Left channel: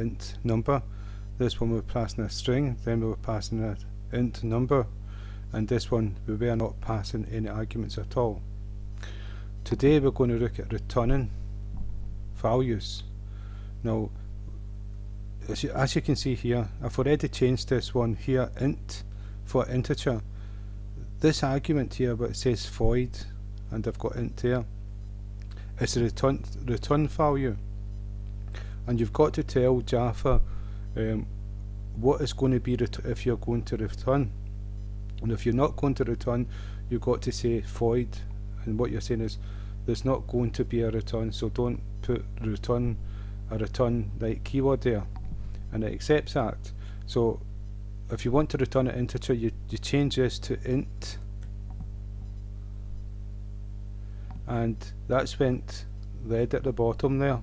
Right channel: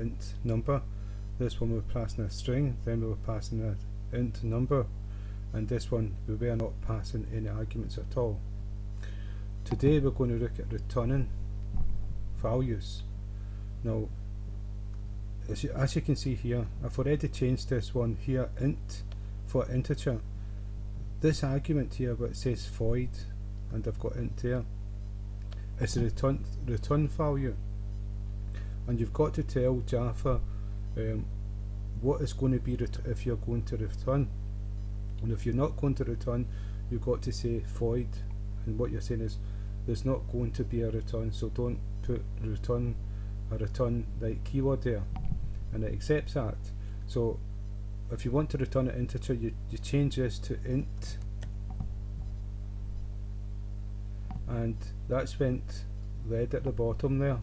int number. This one we're passing a string, then we were passing an int number, and this one we were not passing any arguments at all. Today we're going to look at returning values. Now, as you can see here, I've already changed this one here, int for integer. This argument here where it says void and I've got int there is a return value, and you've got to tell Java what is going to be if you're going to return, and if you're not going to return, you've got to say void, and what you're saying is there's not going to be a return, so don't put return like keyword there, and it accepts that. So if you want to return an integer, you change this to int, and that's went red at the bottom there,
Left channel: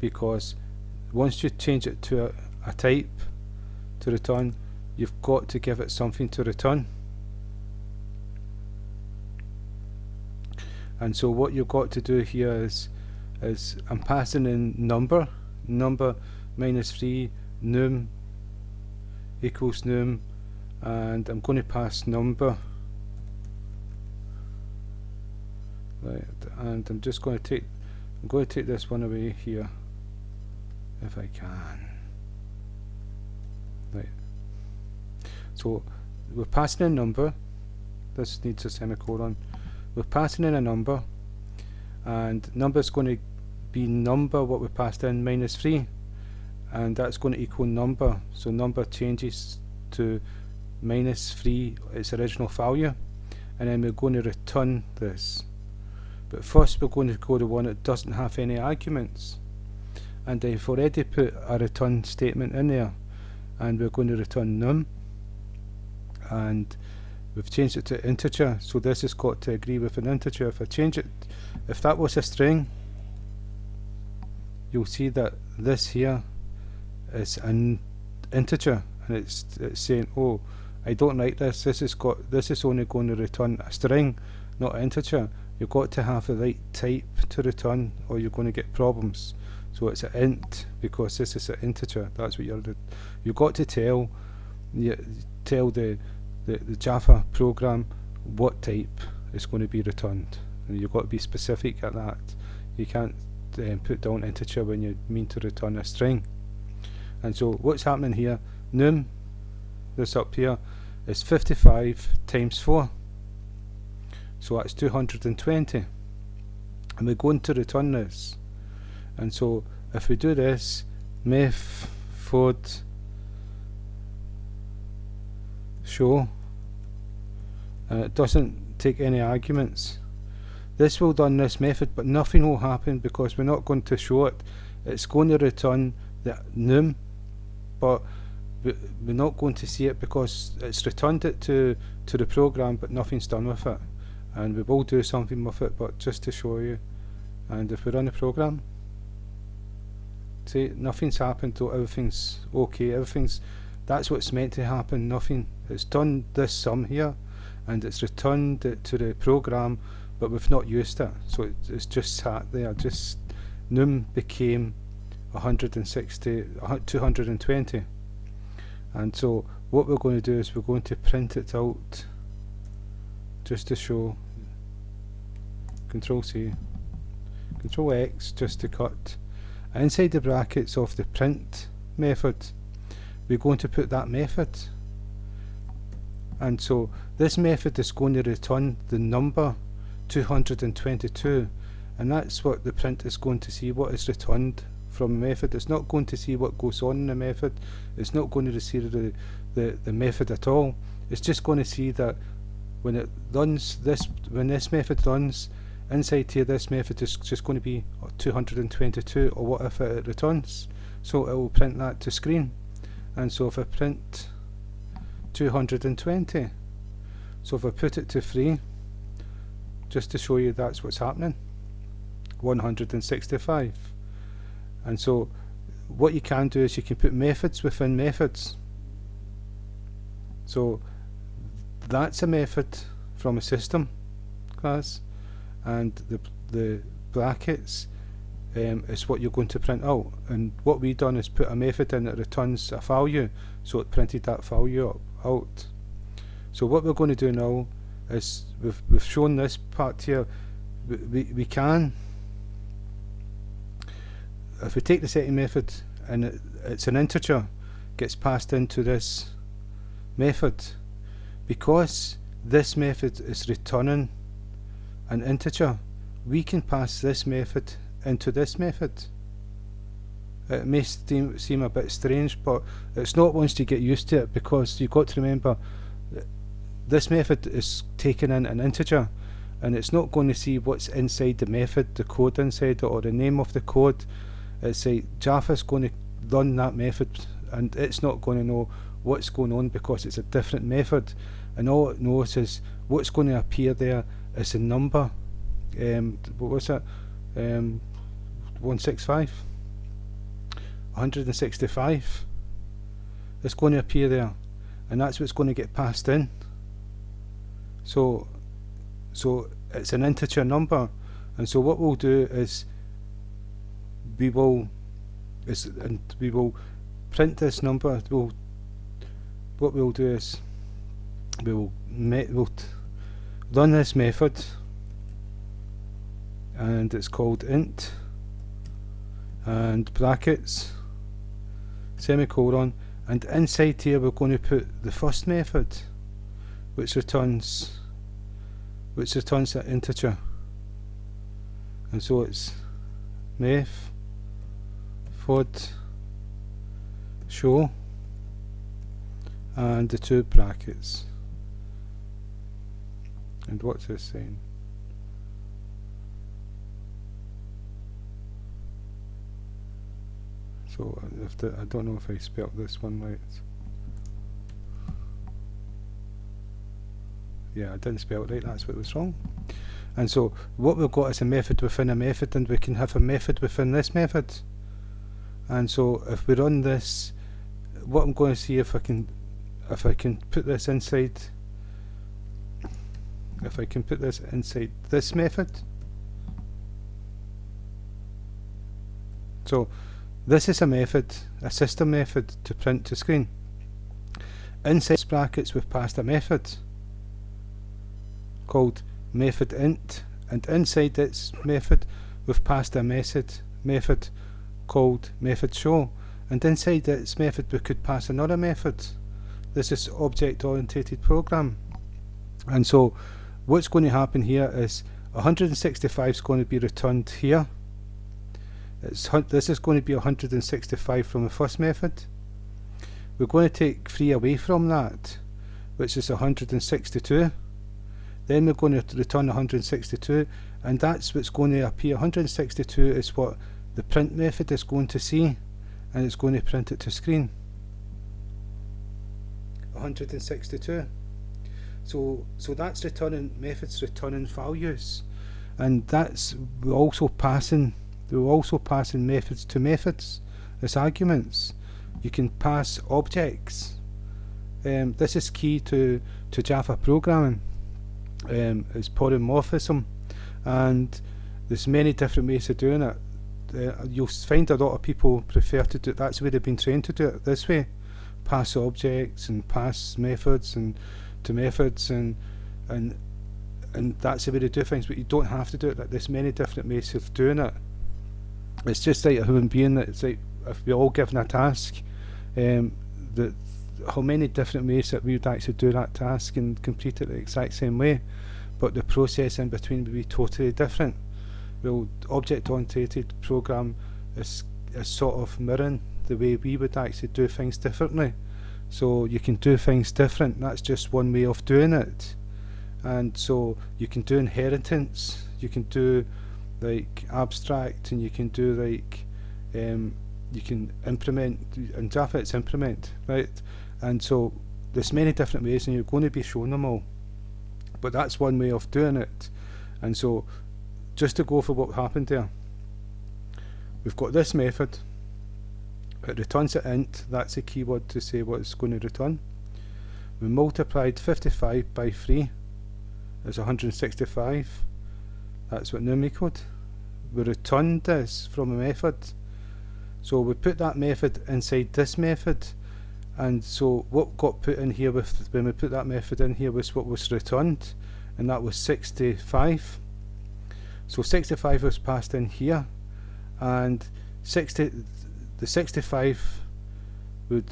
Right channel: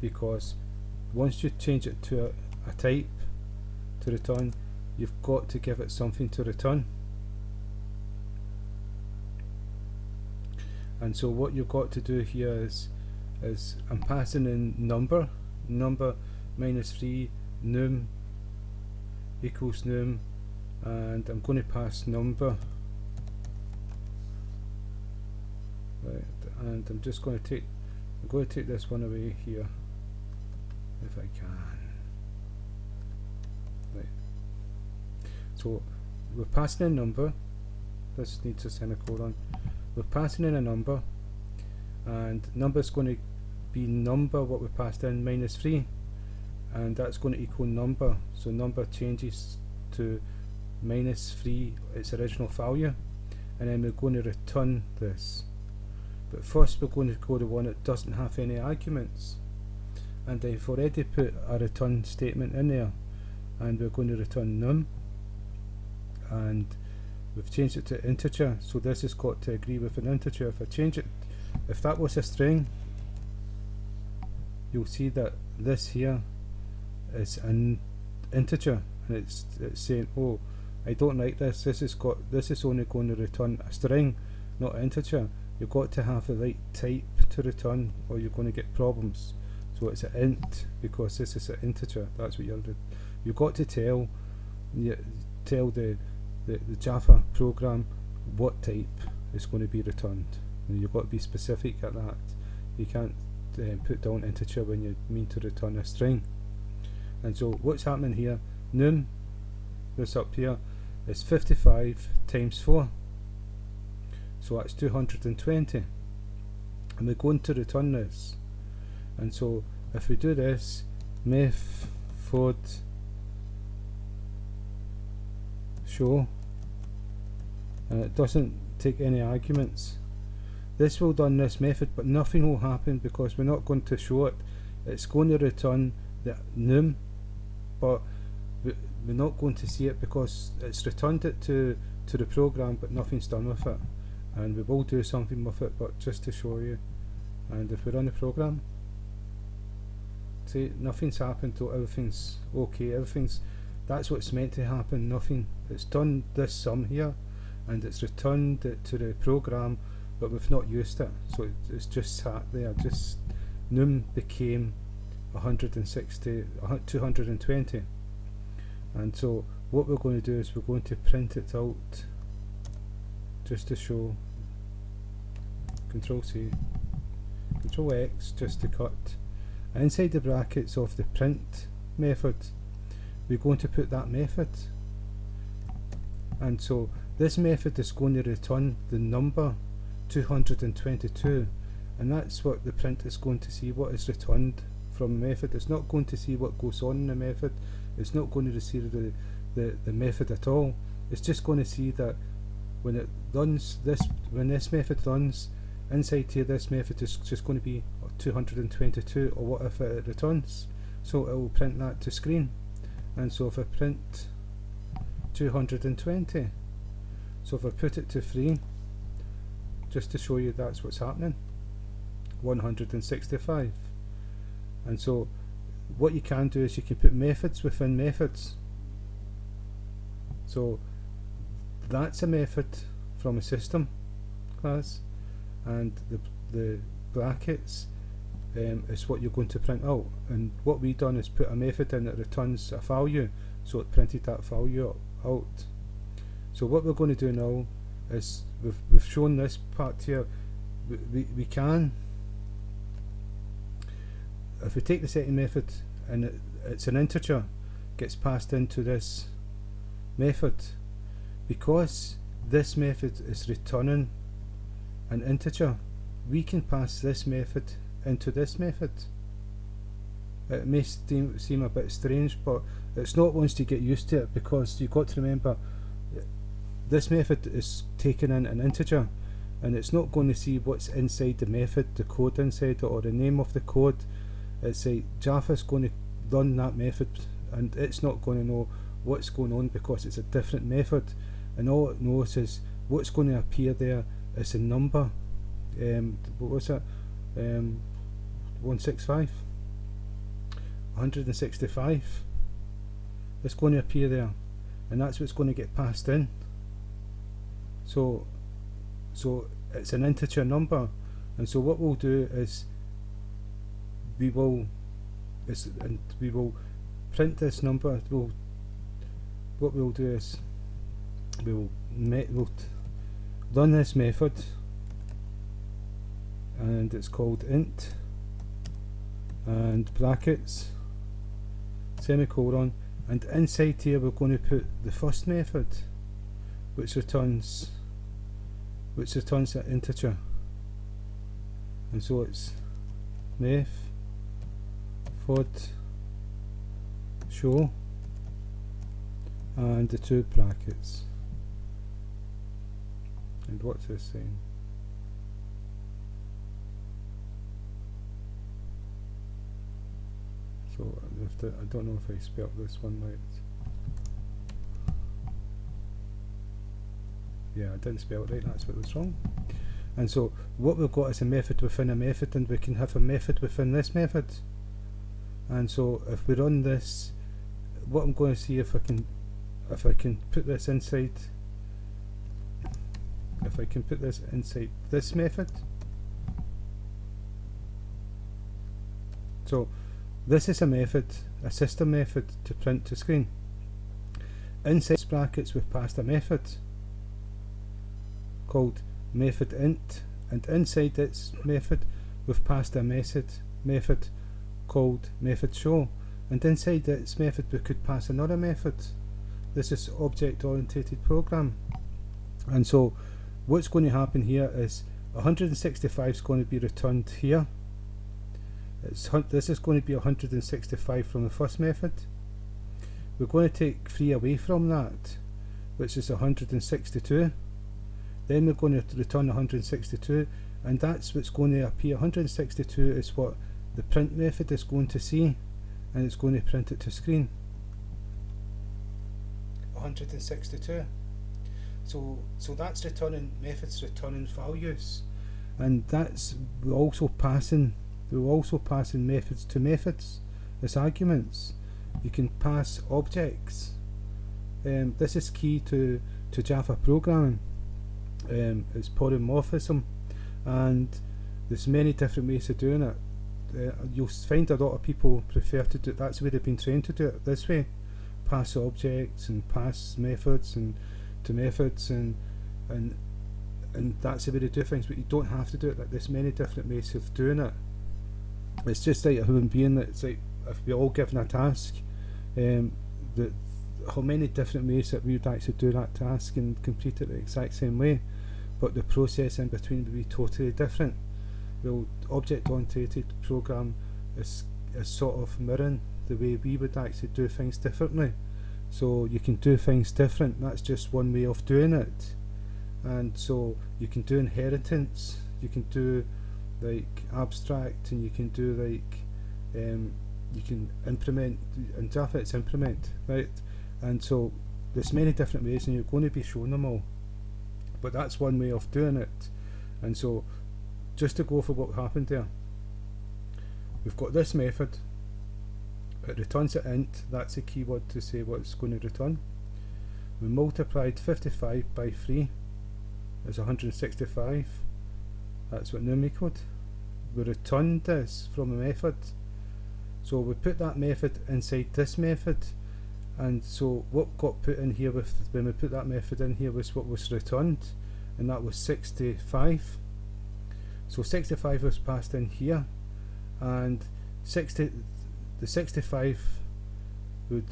because once you change it to a type to return, you've got to give it something to return. And so what you've got to do here is I'm passing in number minus 3, num equals num, and I'm going to pass number, right, and I'm just going to take this one away here if I can. Right. So we're passing in number. This needs a semicolon. We're passing in a number, and number is going to be number what we passed in minus 3, and that's going to equal number. So number changes to minus 3, its original value, and then we're going to return this. But first we're going to go to one that doesn't have any arguments, and I've already put a return statement in there, and we're going to return num, and we've changed it to integer, so this has got to agree with an integer. If I change it, if that was a string, you'll see that this here is an integer, and it's saying, oh, I don't like this. This is only going to return a string, not an integer. You've got to have the right type to return, or you're going to get problems. So it's an int because this is an integer. That's what you've got to tell the Java program what type is going to be returned, and you've got to be specific at that. You can't put down integer when you mean to return a string. And so what's happening here, num, this up here, is 55 times 4, so that's 220, and we're going to return this. And so if we do this, method show, and it doesn't take any arguments, this will run this method, but nothing will happen because we're not going to show it. It's going to return the num, but we're not going to see it because it's returned it to the program, but nothing's done with it. And we will do something with it, but just to show you. And if we run the program, see, nothing's happened, so everything's okay. That's what's meant to happen. Nothing. It's done this sum here, and it's returned it to the program, but we've not used it, so it's just sat there. Just num became 220, and so what we're going to do is we're going to print it out just to show. Control C, Control X just to cut. And inside the brackets of the print method, we're going to put that method, and so this method is going to return the number 222, and that's what the print is going to see, what is returned from the method. It's not going to see what goes on in the method. It's not going to see the method at all. It's just going to see that when it runs this, when this method runs, inside here this method is just going to be 222 or whatever it returns. So it will print that to screen. And so if I print 220, so if I put it to 3, just to show you that's what's happening, 165. And so what you can do is you can put methods within methods. So that's a method from a system class, and the brackets is what you're going to print out. And what we've done is put a method in that returns a value, so it printed that value out. So what we're going to do now is we've shown this part here. We can, if we take the setting method and it's an integer, gets passed into this method, because this method is returning an integer, we can pass this method into this method. It may seem a bit strange, but it's not once you get used to it, because you've got to remember this method is taking in an integer, and it's not going to see what's inside the method, the code inside it, or the name of the code. It's like Java's going to run that method, and it's not going to know what's going on because it's a different method, and all it knows is what's going to appear there is a number. What was it? 165? 165. It's going to appear there, and that's what's going to get passed in. So it's an integer number, and so what we'll do is we will print this number. What we'll do is we'll run this method, and it's called int, and brackets, semicolon, and inside here we're going to put the first method, which returns that integer. And so it's method show and the two brackets. And what's this saying? So I don't know if I spelled this one right. Yeah, I didn't spell it right, that's what was wrong. And so what we've got is a method within a method, and we can have a method within this method. And so if we run this, what I'm going to see if I can put this inside, if I can put this inside this method. So this is a method, a system method to print to screen. Inside brackets we've passed a method called method int, and inside this method we've passed a method called method show, and inside this method we could pass another method. This is object oriented program, and so what's going to happen here is 165 is going to be returned here. This is going to be 165 from the first method. We're going to take 3 away from that, which is 162. Then we're going to return 162, and that's what's going to appear. 162 is what the print method is going to see, and it's going to print it to screen. 162. So that's returning methods, returning values, and that's we're also passing methods to methods as arguments. You can pass objects. This is key to Java programming. It's polymorphism, and there's many different ways of doing it. You'll find a lot of people prefer to do it. That's the way they've been trained to do it, this way. Pass objects and pass methods and to methods, and that's the way to do things, but you don't have to do it. There's many different ways of doing it. It's just like a human being. That it's like if we're all given a task, how many different ways that we would actually do that task and complete it the exact same way, but the process in between would be totally different. Well, object-oriented program is sort of mirroring the way we would actually do things differently. So you can do things different. That's just one way of doing it. And so you can do inheritance. You can do like abstract, and you can do like you can implement. In Java it's implement, right? And so there's many different ways, and you're going to be showing them all, but that's one way of doing it. And so just to go for what happened there, we've got this method, it returns an int, that's a keyword to say what it's going to return. We multiplied 55 by 3, it's 165, that's what num equaled. we returned this from a method. So we put that method inside this method, and so what got put in here with when we put that method in here was what was returned, and that was 65. So 65 was passed in here, and the 65 we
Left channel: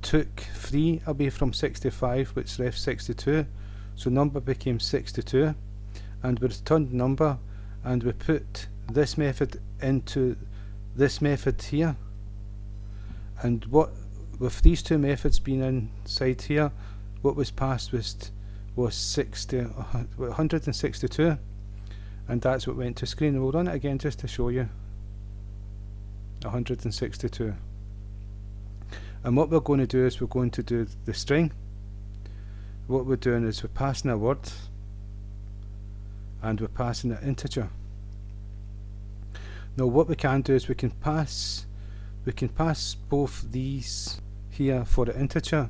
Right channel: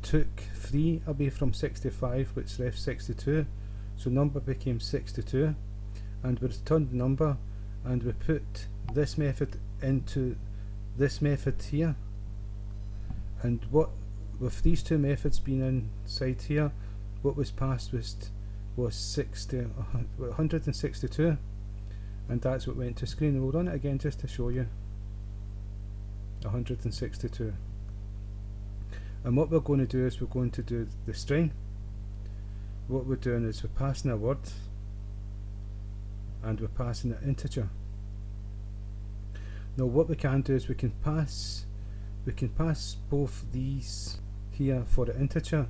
took 3 away from 65, which left 62. So number became 62, and we returned number, and we put this method into this method here. And what with these two methods being inside here, what was passed was 162, and that's what went to screen. We'll run it again just to show you. 162. And what we're going to do is we're going to do the string. What we're doing is we're passing a word, and we're passing an integer. Now what we can do is we can pass both these here for the integer,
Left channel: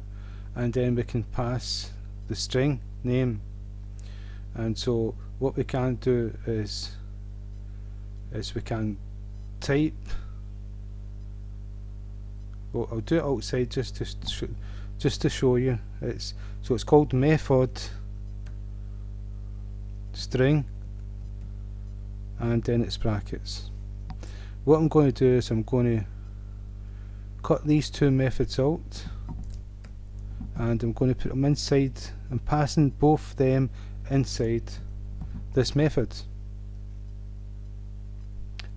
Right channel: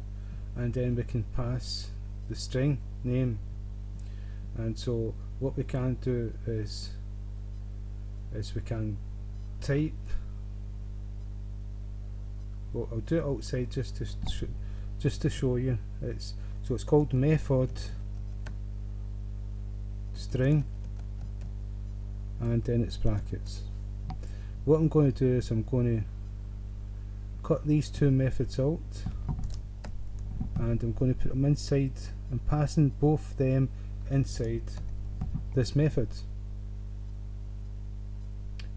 and then we can pass the string name. And so what we can do is we can type. Well, I'll do it outside just to show you. It's called method string, and then it's brackets. What I'm going to do is I'm going to cut these two methods out, and I'm going to put them inside. I'm passing both them inside this method.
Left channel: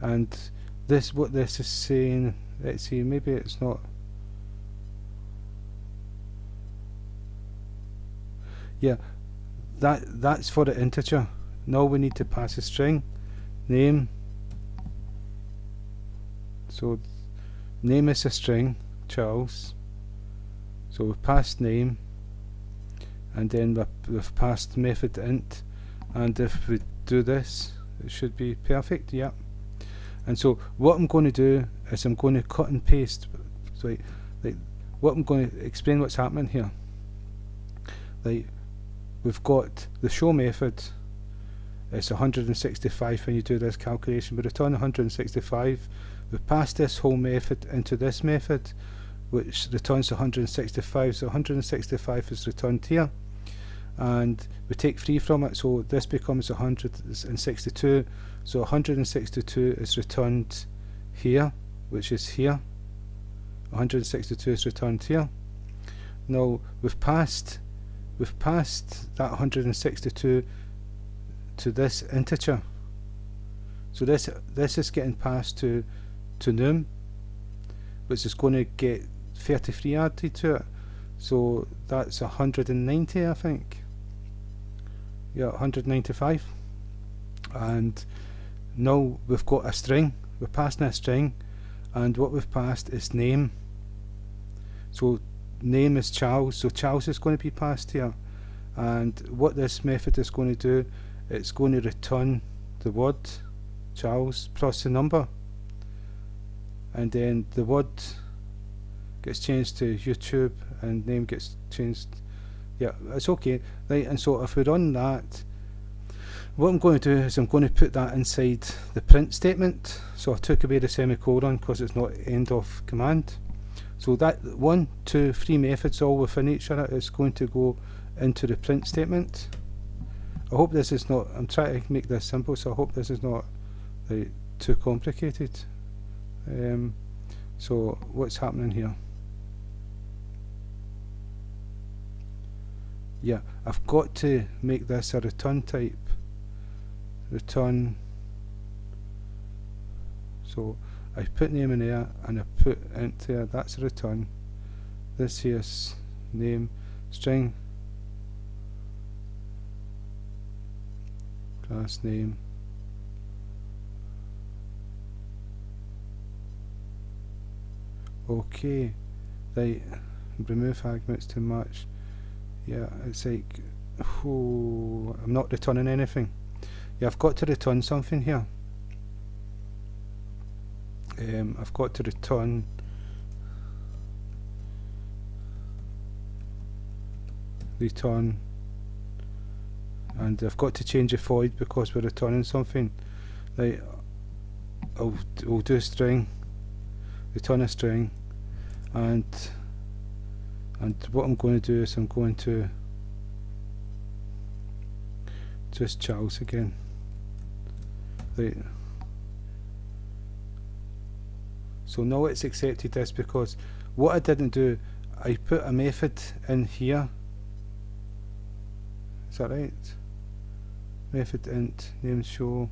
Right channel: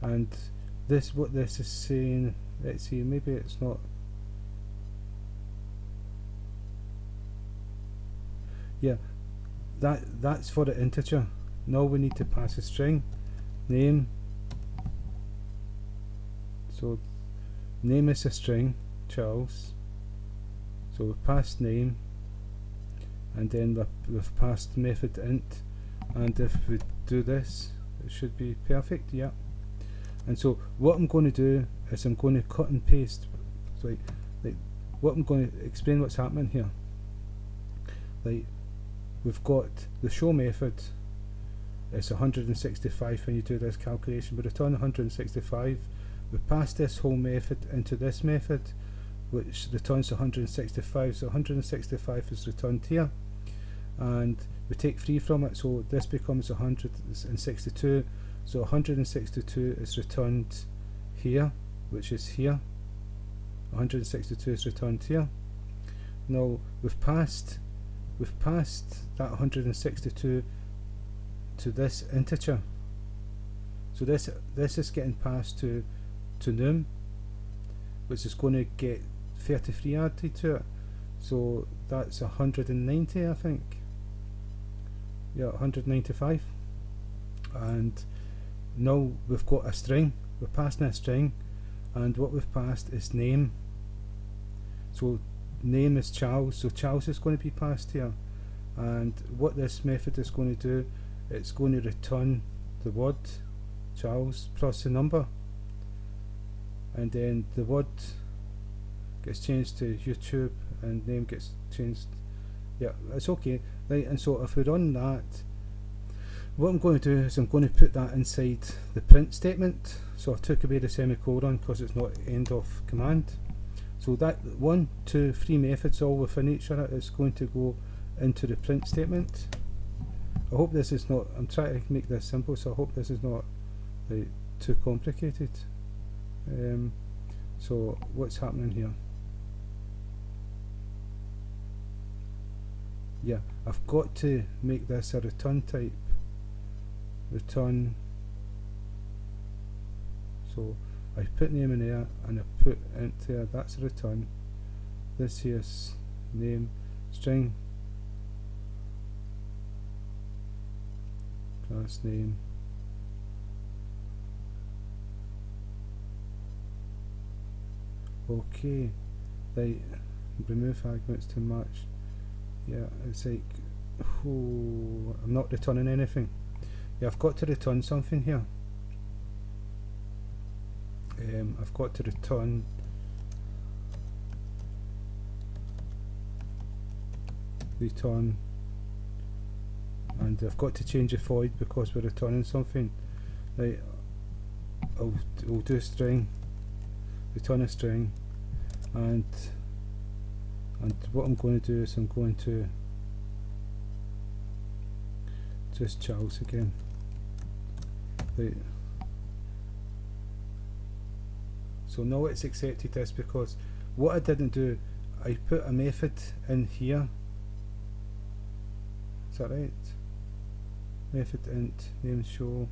And this, what this is saying, let's see, maybe it's not. Yeah, that's for the integer. Now we need to pass a string name. So name is a string, Charles. So we've passed name, and then we've passed method int, and if we do this, it should be perfect. Yeah. And so what I'm going to do is I'm going to cut and paste. So what I'm going to explain what's happening here. We've got the show method. It's 165 when you do this calculation. We return 165. We pass this whole method into this method, which returns 165. So 165 is returned here, and we take 3 from it, so this becomes 162. So 162 is returned here, which is here. 162 is returned here. Now we've passed that 162 to this integer. So this is getting passed to num, which is going to get 33 added to it. So that's 190, I think. Yeah, 195. And now we've got a string. We're passing a string, and what we've passed is name. So name is Charles, so Charles is going to be passed here. And what this method is going to do, it's going to return the word Charles plus the number, and then the word gets changed to YouTube and name gets changed. Yeah, it's okay. Right, and so if we run that, what I'm going to do is I'm going to put that inside the print statement. So I took away the semicolon because it's not end of command. So that 1, 2, 3 methods all within each other is going to go into the print statement. I hope this is not, I'm trying to make this simple, so I hope this is not too complicated. So what's happening here? Yeah, I've got to make this a return type. Return. So I put name in there and I put int there, that's a return. This here's name, string, class name, okay, right, remove arguments to match. Yeah, it's like, oh, I'm not returning anything. Yeah, I've got to return something here. I've got to return and I've got to change the void because we're returning something. Right, we'll do string, return a string, and what I'm going to do is I'm going to just Charles again. Right. So now it's accepted this, because what I didn't do, I put a method in here. Is that right? Method int name show